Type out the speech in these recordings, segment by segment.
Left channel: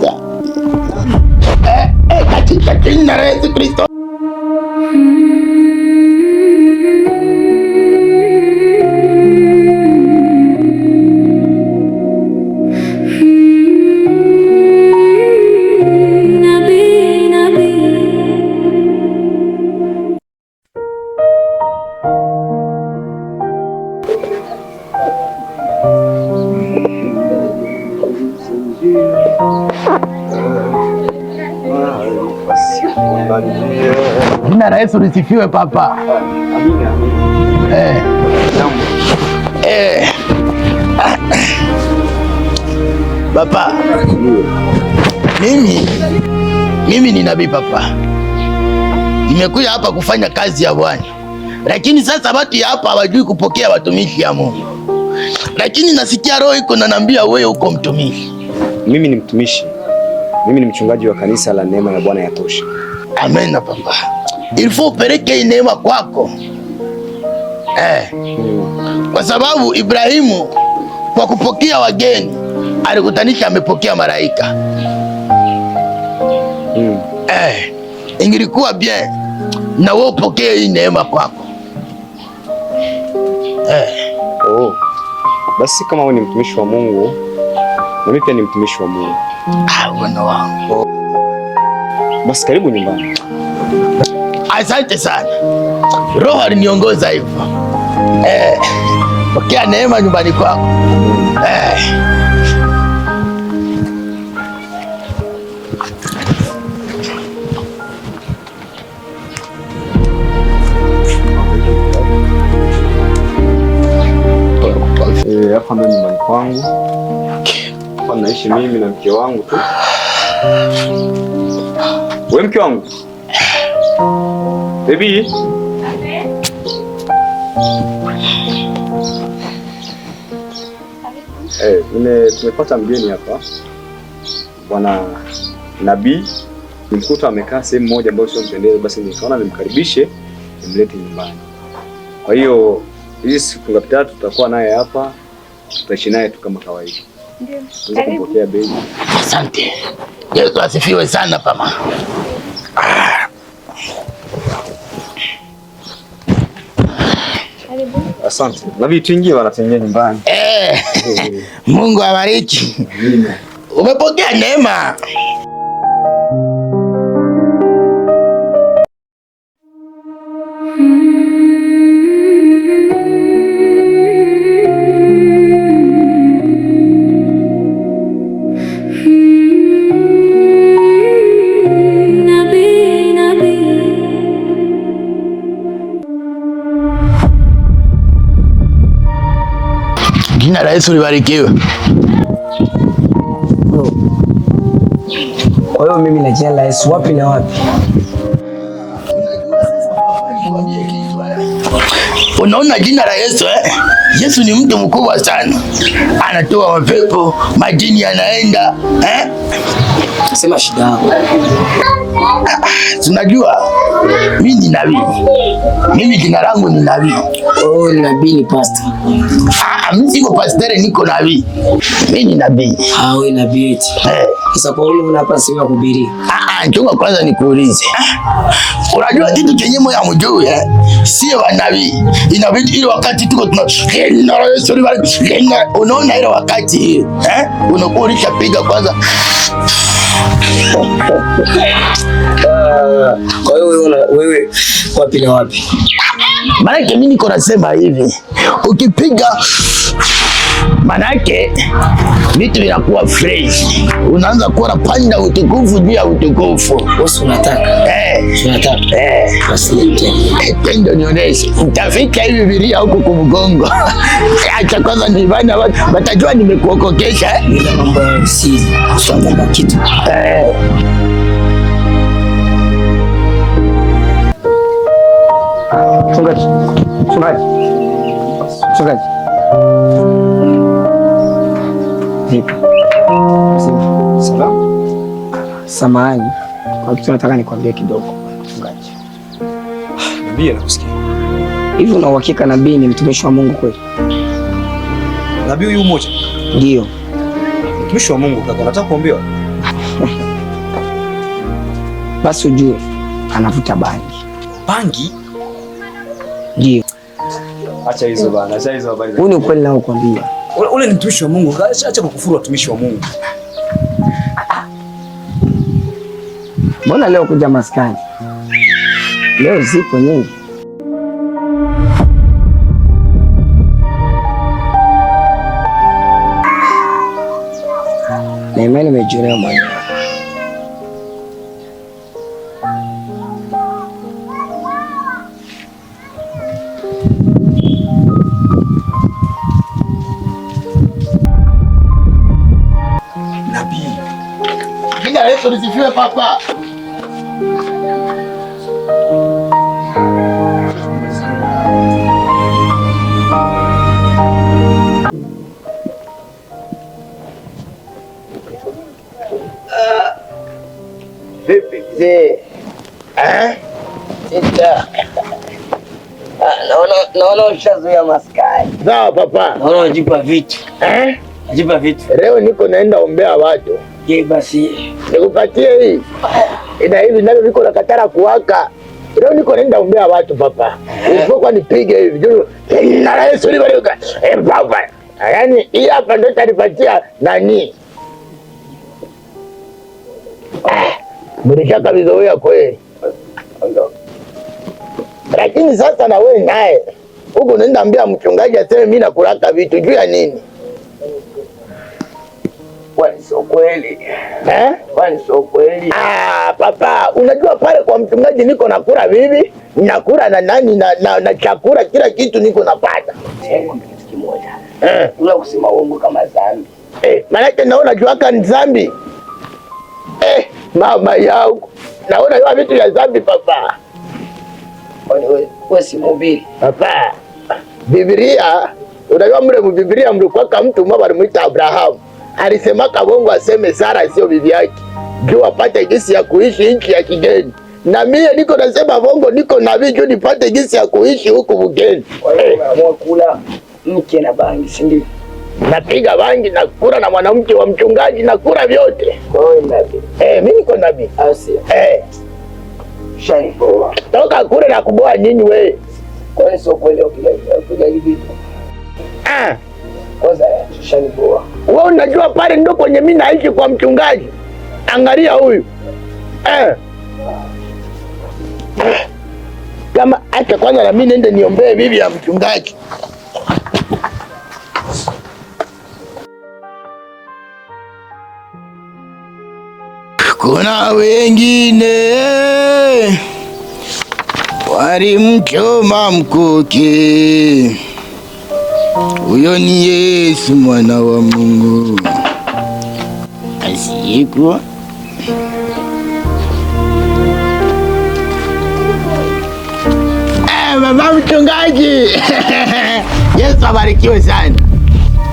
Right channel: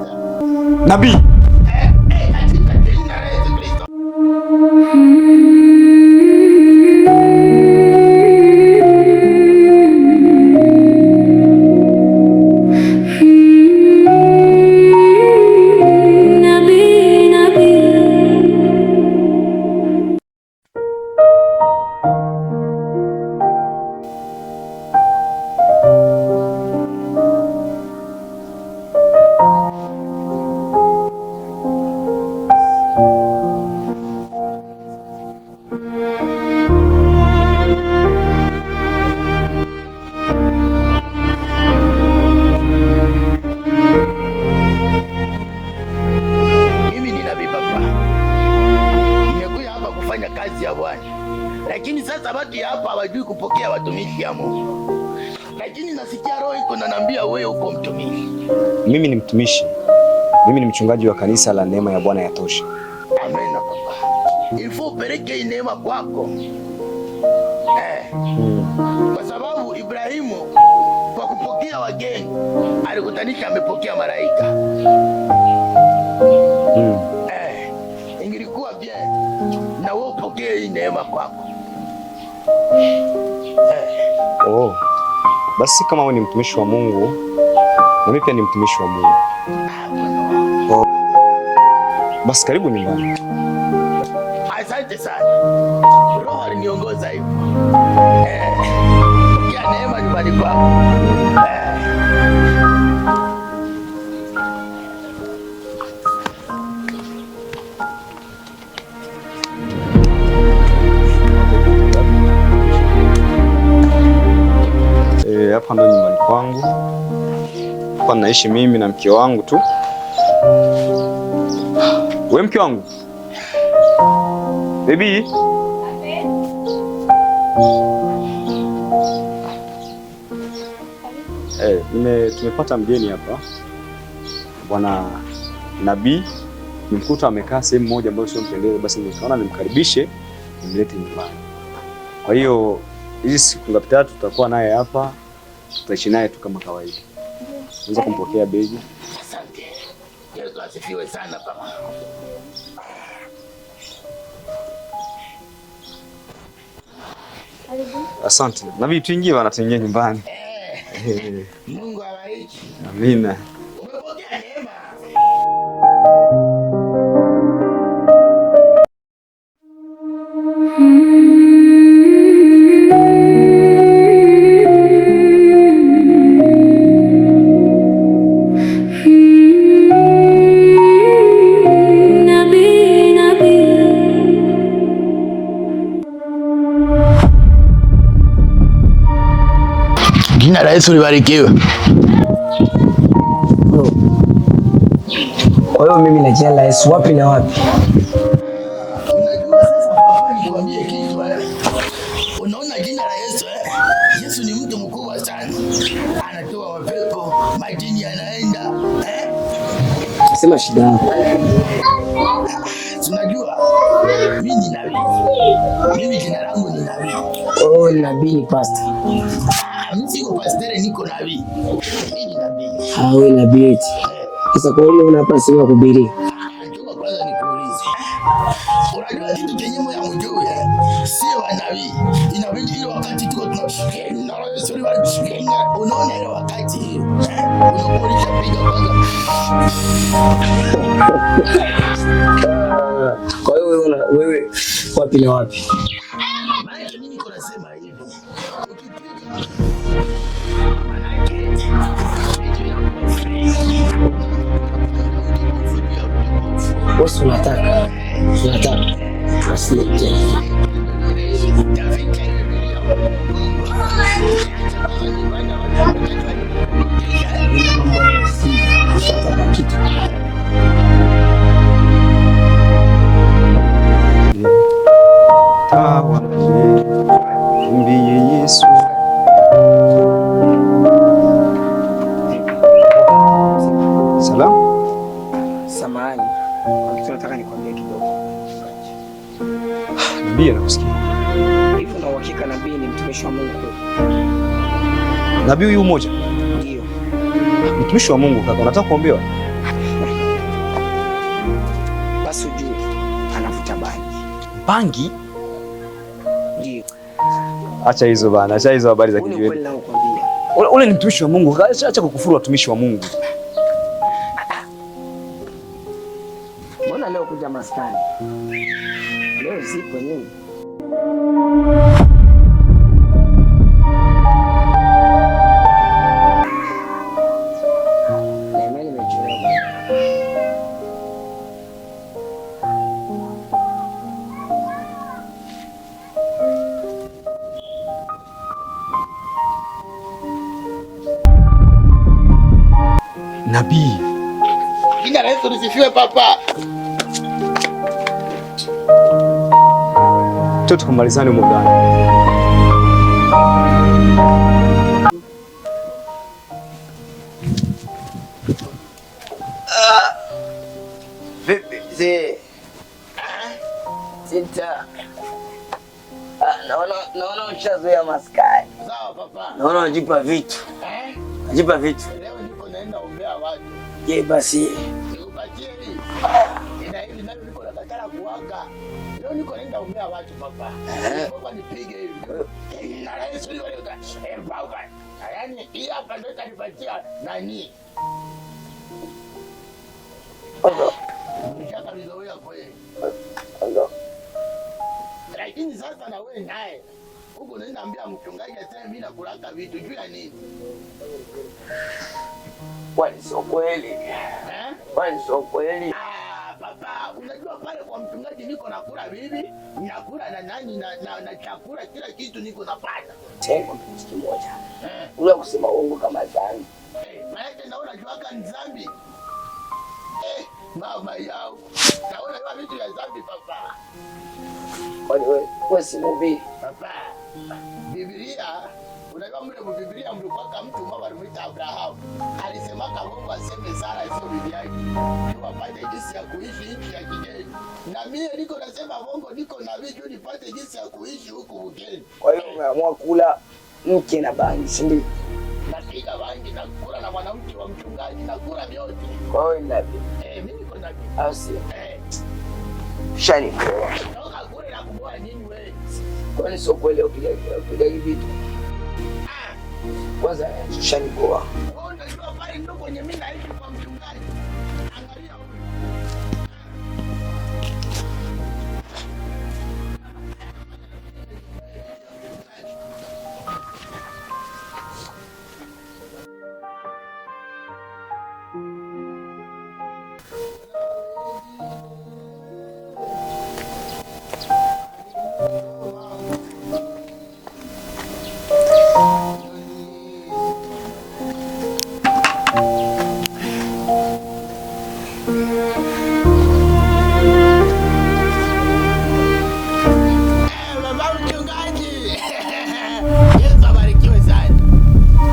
maisha. Nabii. Katika jina la Yesu Kristo. Jina la Yesu lisifiwe papa. Papa, mimi ni nabii papa. Nimekuja hapa kufanya kazi ya Bwana. Lakini sasa watu ya hapa hawajui kupokea watumishi ya Mungu. Lakini nasikia roho iko inaniambia wewe uko mtumishi. Mimi ni mtumishi. Mimi ni mchungaji wa kanisa la Neema ya Bwana Yatosha. Amen papa. Ilifo upeleke neema kwako. Kwa sababu Ibrahimu kwa kupokea wageni alikutanisha amepokea malaika. Ingilikuwa bien na wewe upokee hii neema kwako. Basi kama wewe ni mtumishi wa Mungu, na mimi pia ni mtumishi wa Mungu. Bwana wangu. Basi karibu nyumbani. Asante sana. Roho aliniongoza hivyo. Pokea neema nyumbani kwako. Hapa mimi nyumbani kwangu. Hapa naishi mimi na mke wangu tu. Wewe mke wangu. Baby. Tumepata mgeni hapa. Bwana Nabii. Nimkuta amekaa sehemu moja ambayo sio mpendelezo, basi nikaona nimkaribishe nimlete nyumbani. Kwa hiyo hizi siku tatu tutakuwa naye hapa. Tutaishi naye tu kama kawaida. Ndio. Kumpokea baby. Asante. Yesu asifiwe sana pama. Asante. Nabii tuingie bana, tuingie nyumbani. Mungu awabariki. Amina. Umepokea neema. Jina la Yesu libarikiwe. Kwa hiyo mimi na jina la Yesu wapi na wapi? Unaona jina la Yesu Yesu ni mtu mkubwa sana. Anatoa mapepo, majini yanaenda Sema shida yako. Tunajua mimi ni nabii. Mimi jina langu ni nabii. Oh, nabii ni pastor. Mimi siko pastor, niko nabii. Mimi ni nabii. Wewe nabii eti. Sasa kwa nini unapa sema kuhubiri? Chunga kwanza nikuulize. Unajua kitu chenye moyo ya mjuu sio wa nabii. Inabidi ile wakati tuko unaona ile wakati unakuwa ulishapiga kwanza. Kwa hiyo wewe wapi na wapi? Maanake mimi niko nasema hivi, ukipiga manake vitu vinakuwa fresh. Unaanza kuona panda utukufu juu ya utukufu. Bosi unataka? Unataka? Basi ndio nionyeshe. Utafika hivi Biblia huko kumgongo. Acha kwanza nivana watajua nimekuokokesha. Mambo si kusoma kitu. Mchungaji. Samahani. Kwa kitu nataka nikwambie kidogo. Mchungaji. Nabii nakusikia. Hivi una uhakika nabii ni mtumishi wa Mungu kweli? Nabii huyu mmoja? Ndio. Mtumishi wa Mungu kaka, unataka kuambiwa? Basi ujue anavuta bangi. Bangi? Ndio. Acha hizo bana, acha hizo habari za. Huu ni ukweli nao kwambia. Ule ni mtumishi wa Mungu, acha kukufuru watumishi wa Mungu. Mbona leo kuja maskani? Leo zipo nyingi. Na imani nimejionea mwenyewe. Nabii. Jina la Yesu lisifiwe papa. Toto kumalizane muda. Vipi mzee? Sita. Naona ushazoea maskani. Sawa papa. Naona unajipa vitu. Najipa vitu. Leo niko naenda ombea watu. Je, basi nikupatie hii. Ina hivi navyo viko na katara kuwaka. Leo niko naenda ombea watu papa. Usipokuwa nipige hivi. Na Yesu nibarika. Papa. Yaani hii hapa ndio tanipatia nani? Mlishaka vizoea kweli. Lakini sasa na wewe naye huko unaenda ambia mchungaji aseme mimi nakulaka vitu juu ya nini? Kwani sio kweli? Kwani sio kweli? Papa, unajua pale kwa mchungaji niko nakula bibi, nakula na nani na chakula kila kitu niko napata. Tengo kitu kimoja. Una kusema uongo kama dhambi. Maana naona juaka ni dhambi. Mama yangu. Naona hiyo vitu vya dhambi papa. Kwani wewe si mhubiri? Papa. Biblia, unajua mle mu Biblia mlikuwa mtu mmoja alimuita Abraham. Alisema kabongo aseme Sara sio bibi yake. Juu apate gisi ya kuishi nchi ya kigeni. Na mimi niko nasema bongo niko nabii juu nipate gisi ya kuishi huku bugeni. Unaamua kula mke na bangi, si ndio? Napiga bangi na kula na mwanamke wa mchungaji na kula vyote. Wewe nabii. Mimi niko nabii. Asi. Shani. Toka kule na kuboa nyinyi wewe. Kwa hiyo sio kweli upiga hivi. Kwanza shani boa. Wewe unajua pale ndo kwenye mimi naishi kwa mchungaji. Angalia huyu. Kama acha kwanza na mimi nende niombee bibi ya mchungaji. Kuna wengine walimchoma mkuki, huyo ni Yesu mwana wa Mungu asiyekuwa baba mchungaji. Yesu abarikiwe sana.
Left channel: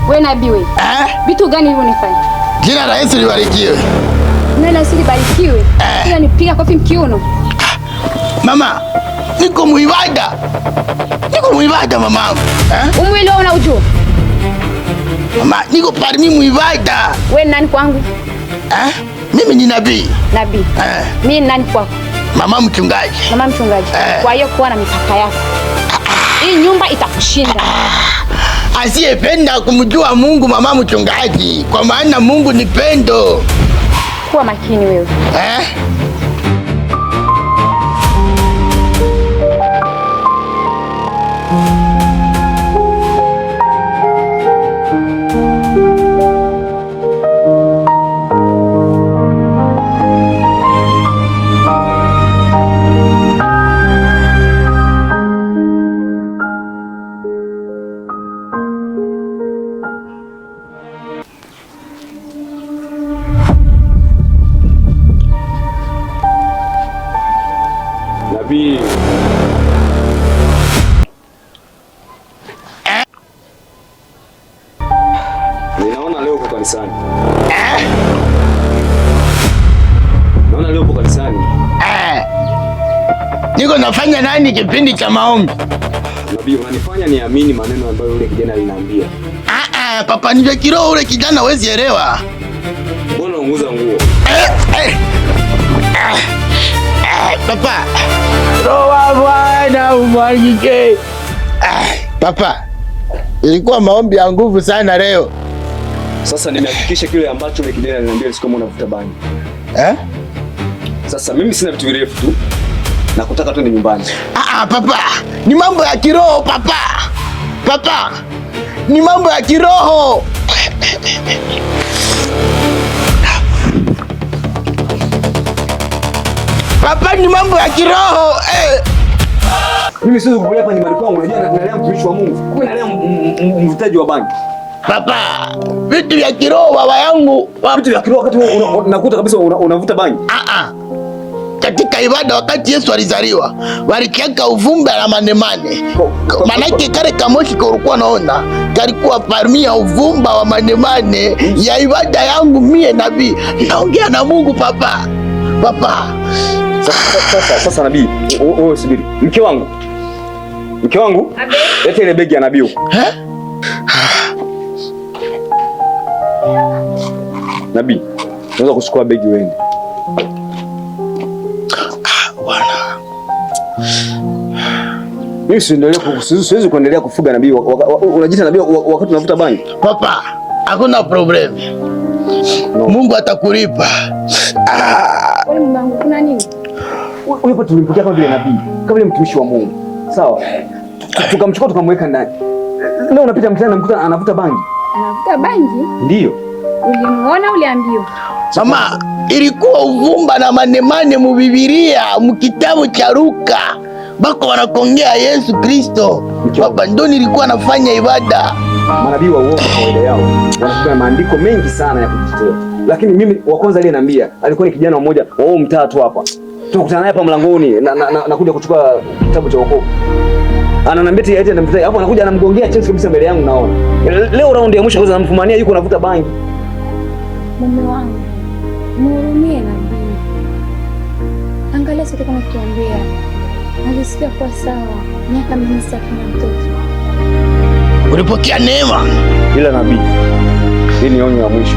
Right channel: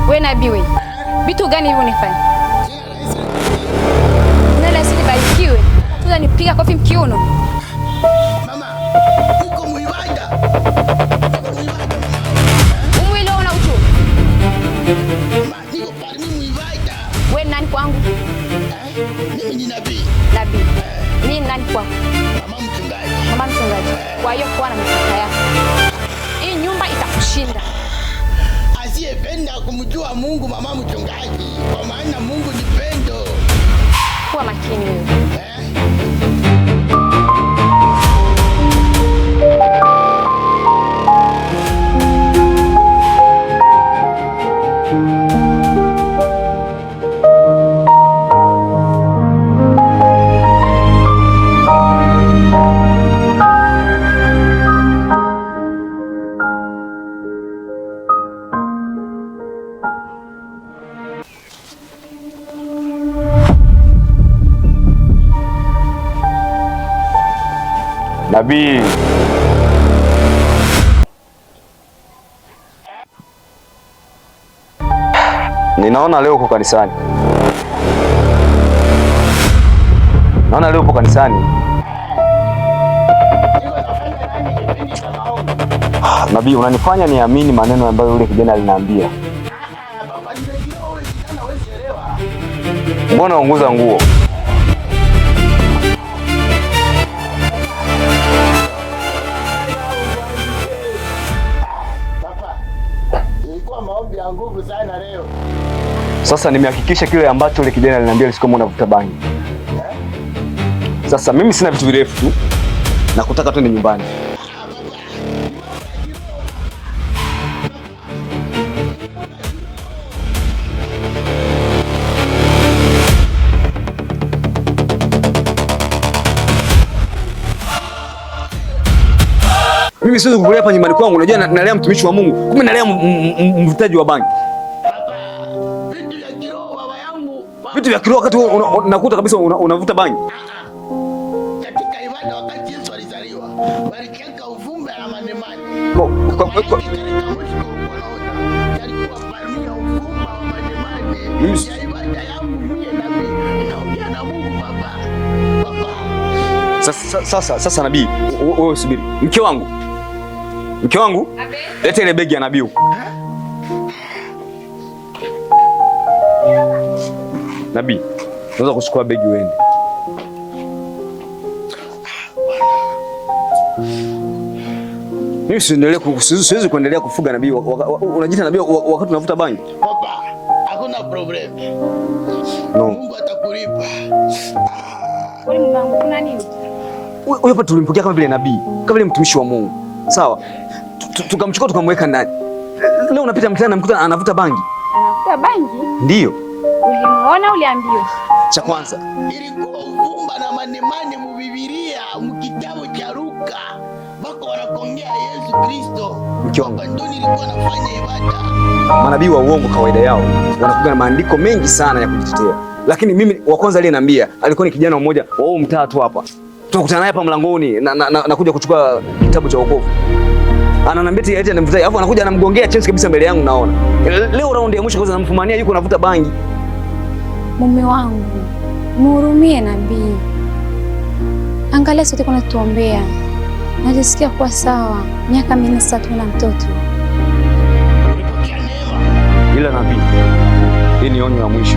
Wewe nabii wewe. Vitu gani hivyo unafanya? Jina la Yesu libarikiwe. Neno la Yesu libarikiwe. Hiyo nipiga kofi mkiuno. Mama, niko muibada. Niko muibada mama. Umwelewa unaujua? Mama, niko parmi muibada. Wewe nani kwangu? Mimi ni nabii. Nabii. Mimi nani kwako? Mama mchungaji. Mama mchungaji. Kwa hiyo kuwa na mipaka yako. Hii nyumba itakushinda. Asiyependa kumjua Mungu mama mchungaji, kwa maana Mungu ni pendo. Kuwa makini wewe. Nabii. Ninaona leo uko kanisani. Naona leo uko kanisani. Niko nafanya nani kipindi cha maombi? Nabii, unanifanya niamini maneno ambayo yule kijana aliniambia. Papa, ndio kiroho ule kijana hawezi elewa. Mbona unguza nguo? Papa. Roho Bwana umwagike. Papa. Ilikuwa maombi ya nguvu sana leo. Sasa nimehakikisha kile ambacho ile kijana aliniambia siku moja navuta bangi. Sasa mimi sina vitu virefu na kutaka tu ni nyumbani. Papa. Ni mambo ya kiroho papa. Papa. Ni mambo ya kiroho. Papa, ni mambo ya kiroho. Mimi siwezi kukulea hapa nyumbani kwangu. Unajua nalea mtumishi wa Mungu. Kumbe nalea mvutaji wa bangi. Papa, vitu vya kiroho baba yangu. Vitu vya kiroho wakati unakuta kabisa unavuta bangi. Katika ibada wakati Yesu alizaliwa, walikiaka uvumba na manemane. Manake kale kamoshi kulikuwa naona, kalikuwa parmi ya uvumba wa manemane ya ibada yangu mie nabii. Naongea na Mungu papa. Papa. Sasa nabii, wewe subiri. Mke wangu. Leta ile begi ya nabii. Nabii, unaweza kuchukua begi wewe. Bwana. Mimi siwezi kuendelea kufuga nabii. Unajiita nabii wakati unavuta bangi. Papa, hakuna problem. No. Mungu atakulipa. Wewe mwanangu kuna nini? Wewe hapa tulimpokea kama vile nabii, kama vile mtumishi wa Mungu. Sawa? Tukamchukua tukamweka ndani. Leo unapita mtaani namkuta anavuta bangi. Anavuta bangi? Ndio. Ulimuona uliambiwa? Mama, ilikuwa uvumba na manemane mu Biblia, mu kitabu cha Luka. Bako wanakongea Yesu Kristo. Baba ndo nilikuwa nafanya ibada. Manabii wa uongo kawaida yao wanakuwa na maandiko mengi sana ya kujitetea. Lakini mimi wa kwanza aliyeniambia alikuwa ni kijana mmoja wa huo mtaa tu hapa. Tunakutana naye hapa mlangoni na kuja kuchukua kitabu cha wokovu. Ananiambia eti anamvuta, hapo anakuja anamgongea chesi kabisa mbele yangu naona. Leo raundi ya mwisho kwanza namfumania yuko anavuta bangi. Mume wangu, muhurumie nabii. Angalia sote kuna tuombea. Najisikia kuwa sawa. Miaka mingi sasa tuna mtoto. Ulipokea neema. Ila nabii, hii ni onyo la mwisho.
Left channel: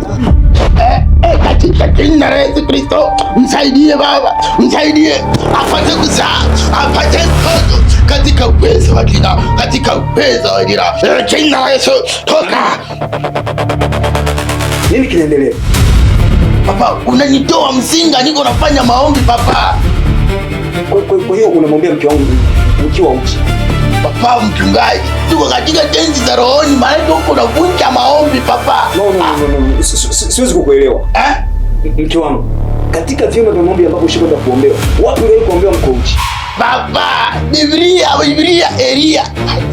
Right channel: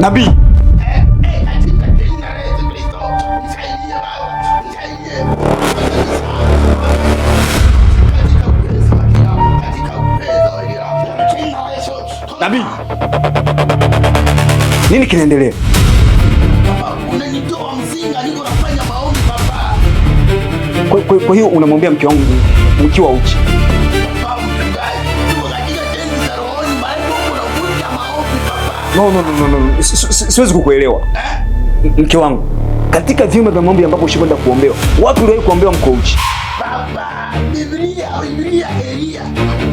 Nabii, katika jina la Yesu Kristo, msaidie Baba, msaidie apate kuzaa, apate katika uwezo wa jina, katika uwezo wa jina. Jina la Yesu, toka. Nini kinaendelea? Papa, unanitoa mzinga, niko nafanya maombi papa. Kwa hiyo unamwambia mke wangu ukiwa uchi? Papa mchungaji, tuko katika tenzi za rohoni, maana huko unavunja maombi papa. No. Siwezi kukuelewa. Mke wangu, katika vyombo vya maombi ambapo ushikwenda kuombewa, wapi uliwahi kuombewa mko uchi? Baba, Biblia, Elia.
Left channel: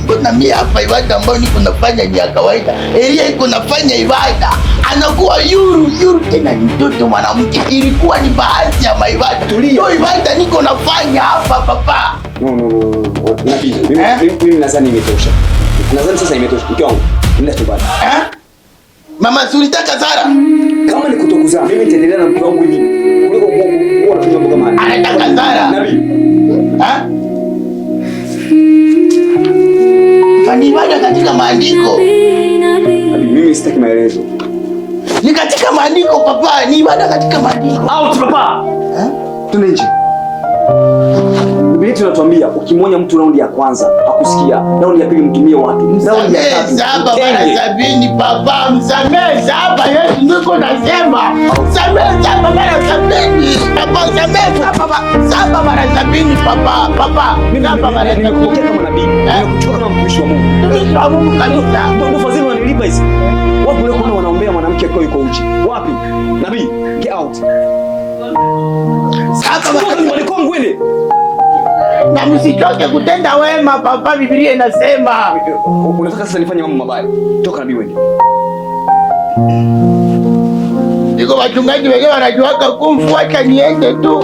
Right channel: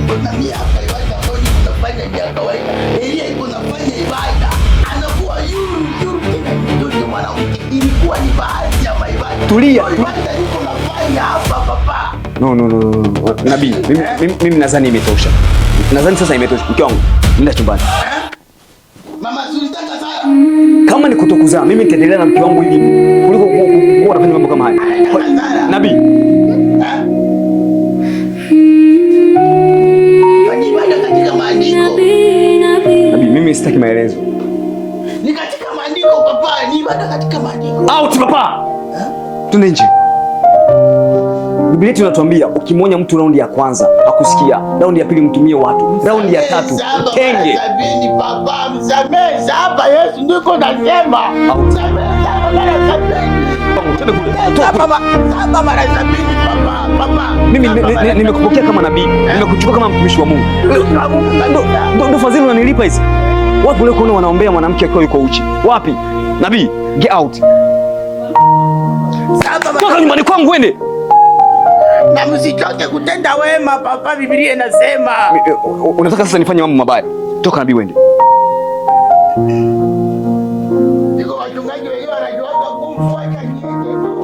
Kuna mimi hapa ibada ambayo niko nafanya ni ya kawaida. Elia iko nafanya ibada. Anakuwa yuru tena mtoto mwanamke. Ilikuwa ni baadhi ya maibada. Tulia. Ibada niko nafanya hapa papa. No. Nabii, mimi nadhani imetosha. Nadhani sasa imetosha. Mke wangu, nenda chumbani. Mama Sulitaka Sara. Kama ni kutokuzaa, mimi nitaendelea na mke wangu hivi. Kuliko kuwa na mambo kama haya. Anataka Sara. Nabii. Ni ibada katika maandiko. Nabii, mimi sitaki maelezo. Ni katika maandiko papa, ni ibada katika maandiko. Out papa. Twende nje. Biblia inatuambia ukimwonya mtu raundi ya kwanza akusikia, raundi ya pili mtumie watu, raundi ya tatu sabini papa, msamehe saba. Yesu ndiko nasema msamehe saba mara sabini papa, msamehe saba mara sabini papa. Mimi nimekupokea kama nabii, nimekuchukua kama mtumishi wa Mungu. Ndio fadhili unanilipa hizi. Wapi leo kuna wanaombea mwanamke akiwa yuko uchi? Wapi? Nabii, get out. Toka nyumbani kwangu uende. Na msichoke kutenda wema papa, Biblia inasema. Unataka sasa nifanye mambo mabaya? Toka nabii uende. Niko wachungaji wenyewe wanajuaga kumfuata niende tu.